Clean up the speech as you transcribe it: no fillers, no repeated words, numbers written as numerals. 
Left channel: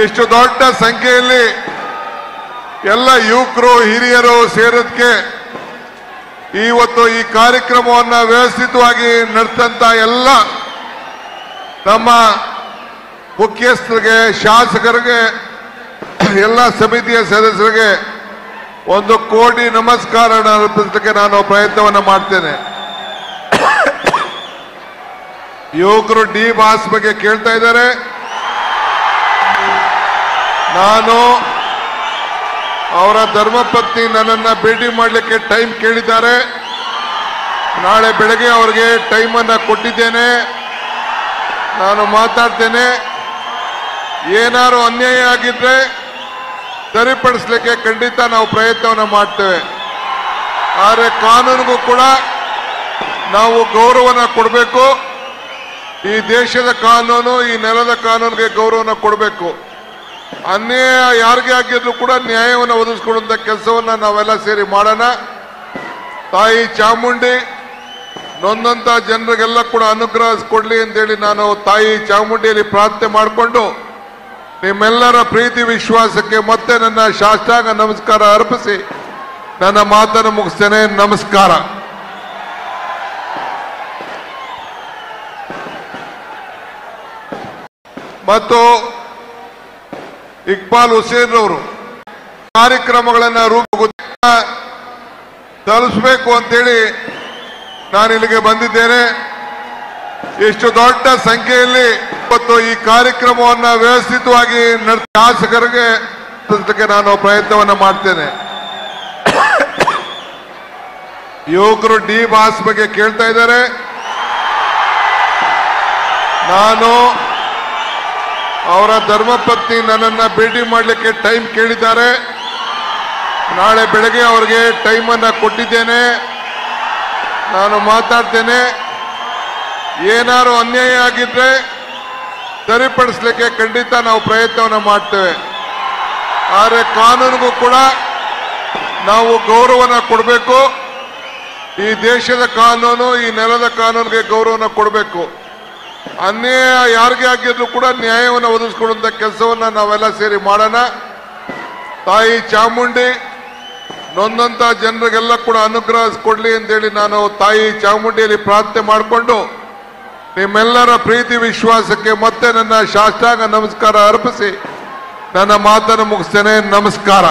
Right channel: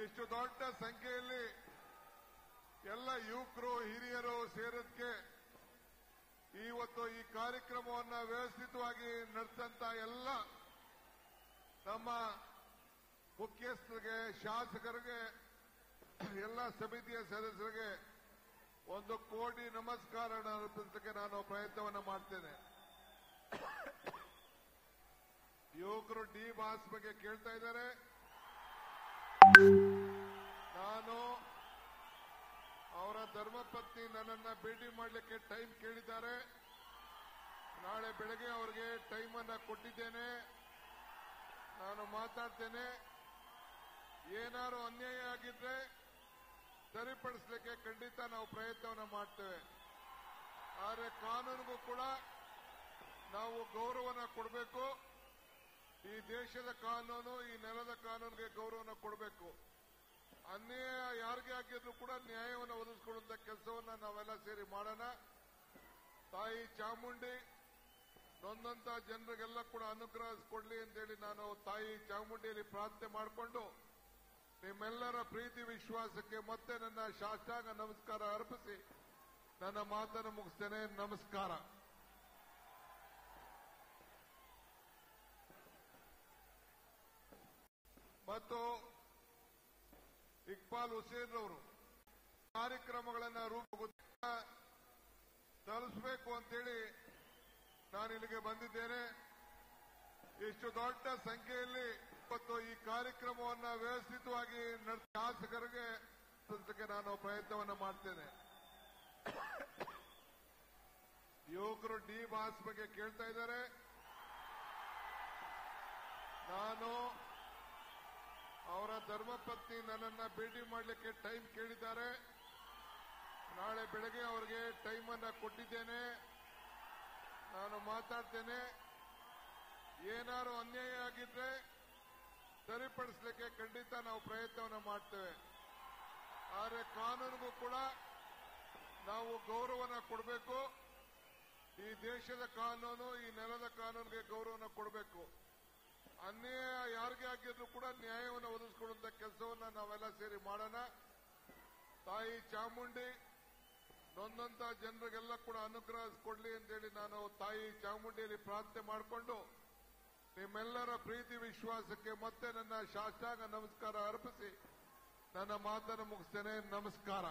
ಇಷ್ಟು ದೊಡ್ಡ ಸಂಖ್ಯೆಯಲ್ಲಿ ಎಲ್ಲ ಯುವಕರು ಹಿರಿಯರು ಸೇರೋದಕ್ಕೆ ಇವತ್ತು ಈ ಕಾರ್ಯಕ್ರಮವನ್ನು ವ್ಯವಸ್ಥಿತವಾಗಿ ನಡೆದಂತ ಎಲ್ಲ ನಮ್ಮ ಮುಖ್ಯಸ್ಥರಿಗೆ, ಶಾಸಕರಿಗೆ, ಎಲ್ಲ ಸಮಿತಿಯ ಸದಸ್ಯರಿಗೆ 1 ಕೋಟಿ ನಮಸ್ಕಾರ ಅರ್ಪಿಸಲಿಕ್ಕೆ ನಾನು ಪ್ರಯತ್ನವನ್ನು ಮಾಡ್ತೇನೆ. ಯುವಕರು ಡಿ ಬಾಸ್ ಬಗ್ಗೆ ಕೇಳ್ತಾ ಇದ್ದಾರೆ. ನಾನು ಅವರ ಧರ್ಮಪತ್ನಿ ನನ್ನನ್ನ ಭೇಟಿ ಮಾಡಲಿಕ್ಕೆ ಟೈಮ್ ಕೇಳಿದ್ದಾರೆ. ನಾಳೆ ಬೆಳಗ್ಗೆ ಅವರಿಗೆ ಟೈಮ್ ಅನ್ನು ಕೊಟ್ಟಿದ್ದೇನೆ. ನಾನು ಮಾತಾಡ್ತೇನೆ. ಏನಾದ್ರು ಅನ್ಯಾಯ ಆಗಿದ್ರೆ ಸರಿಪಡಿಸಲಿಕ್ಕೆ ಖಂಡಿತ ನಾವು ಪ್ರಯತ್ನವನ್ನು ಮಾಡ್ತೇವೆ. ಆದರೆ ಕಾನೂನಿಗೂ ಕೂಡ ನಾವು ಗೌರವನ ಕೊಡಬೇಕು. ಈ ದೇಶದ ಕಾನೂನು, ಈ ನೆಲದ ಕಾನೂನಿಗೆ ಗೌರವನ ಕೊಡಬೇಕು. ಅನ್ಯಾಯ ಯಾರಿಗೆ ಆಗಿದ್ರು ಕೂಡ ನ್ಯಾಯವನ್ನು ಒದಗಿಸಿಕೊಡುವಂತ ಕೆಲಸವನ್ನ ನಾವೆಲ್ಲ ಸೇರಿ ಮಾಡೋಣ. ತಾಯಿ ಚಾಮುಂಡಿ ನೊಂದಂತ ಜನರಿಗೆಲ್ಲ ಕೂಡ ಅನುಗ್ರಹ ಕೊಡ್ಲಿ ಅಂತೇಳಿ ನಾನು ತಾಯಿ ಚಾಮುಂಡಿಯಲ್ಲಿ ಪ್ರಾರ್ಥನೆ ಮಾಡಿಕೊಂಡು ನಿಮ್ಮೆಲ್ಲರ ಪ್ರೀತಿ ವಿಶ್ವಾಸಕ್ಕೆ ಮತ್ತೆ ನನ್ನ ಸಾಷ್ಟಾಂಗ ನಮಸ್ಕಾರ ಅರ್ಪಿಸಿ ನನ್ನ ಮಾತನ್ನು ಮುಗಿಸ್ತೇನೆ. ನಮಸ್ಕಾರ. ಮತ್ತು ಇಕ್ಬಾಲ್ ಹುಸೇನ್ ಅವರು ಕಾರ್ಯಕ್ರಮಗಳನ್ನು ತಲುಪಿಸಬೇಕು ಅಂತೇಳಿ ನಾನು ಇಲ್ಲಿಗೆ ಬಂದಿದ್ದೇನೆ. ಇಷ್ಟು ದೊಡ್ಡ ಸಂಖ್ಯೆಯಲ್ಲಿ ಇವತ್ತು ಈ ಕಾರ್ಯಕ್ರಮವನ್ನು ವ್ಯವಸ್ಥಿತವಾಗಿ ಶಾಸಕರಿಗೆ ನಾನು ಪ್ರಯತ್ನವನ್ನು ಮಾಡ್ತೇನೆ. ಯುವಕರು ಡಿ ಬಾಸ್ ಬಗ್ಗೆ ಕೇಳ್ತಾ ಇದ್ದಾರೆ. ನಾನು ಅವರ ಧರ್ಮಪತ್ನಿ ನನ್ನನ್ನ ಭೇಟಿ ಮಾಡಲಿಕ್ಕೆ ಟೈಮ್ ಕೇಳಿದ್ದಾರೆ. ನಾಳೆ ಬೆಳಗ್ಗೆ ಅವರಿಗೆ ಟೈಮ್ ಅನ್ನು ಕೊಟ್ಟಿದ್ದೇನೆ. ನಾನು ಮಾತಾಡ್ತೇನೆ. ಏನಾದ್ರು ಅನ್ಯಾಯ ಆಗಿದ್ರೆ ಸರಿಪಡಿಸಲಿಕ್ಕೆ ಖಂಡಿತ ನಾವು ಪ್ರಯತ್ನವನ್ನು ಮಾಡ್ತೇವೆ. ಆದರೆ ಕಾನೂನಿಗೂ ಕೂಡ ನಾವು ಗೌರವನ ಕೊಡಬೇಕು. ಈ ದೇಶದ ಕಾನೂನು, ಈ ನೆಲದ ಕಾನೂನಿಗೆ ಗೌರವನ ಕೊಡಬೇಕು. ಅನ್ಯಾಯ ಯಾರಿಗೆ ಆಗಿದ್ರು ಕೂಡ ನ್ಯಾಯವನ್ನು ಒದಗಿಸಿಕೊಡುವಂತ ಕೆಲಸವನ್ನ ನಾವೆಲ್ಲ ಸೇರಿ ಮಾಡೋಣ. ತಾಯಿ ಚಾಮುಂಡಿ ನೊಂದಂತ ಜನರಿಗೆಲ್ಲ ಕೂಡ ಅನುಗ್ರಹ ಕೊಡ್ಲಿ ಅಂತೇಳಿ ನಾನು ತಾಯಿ ಚಾಮುಂಡಿಯಲ್ಲಿ ಪ್ರಾರ್ಥನೆ ಮಾಡಿಕೊಂಡು ನಿಮ್ಮೆಲ್ಲರ ಪ್ರೀತಿ ವಿಶ್ವಾಸಕ್ಕೆ ಮತ್ತೆ ನನ್ನ ಸಾಷ್ಟಾಂಗ ನಮಸ್ಕಾರ ಅರ್ಪಿಸಿ ನನ್ನ ಮಾತನ್ನು ಮುಗಿಸ್ತೇನೆ. ನಮಸ್ಕಾರ.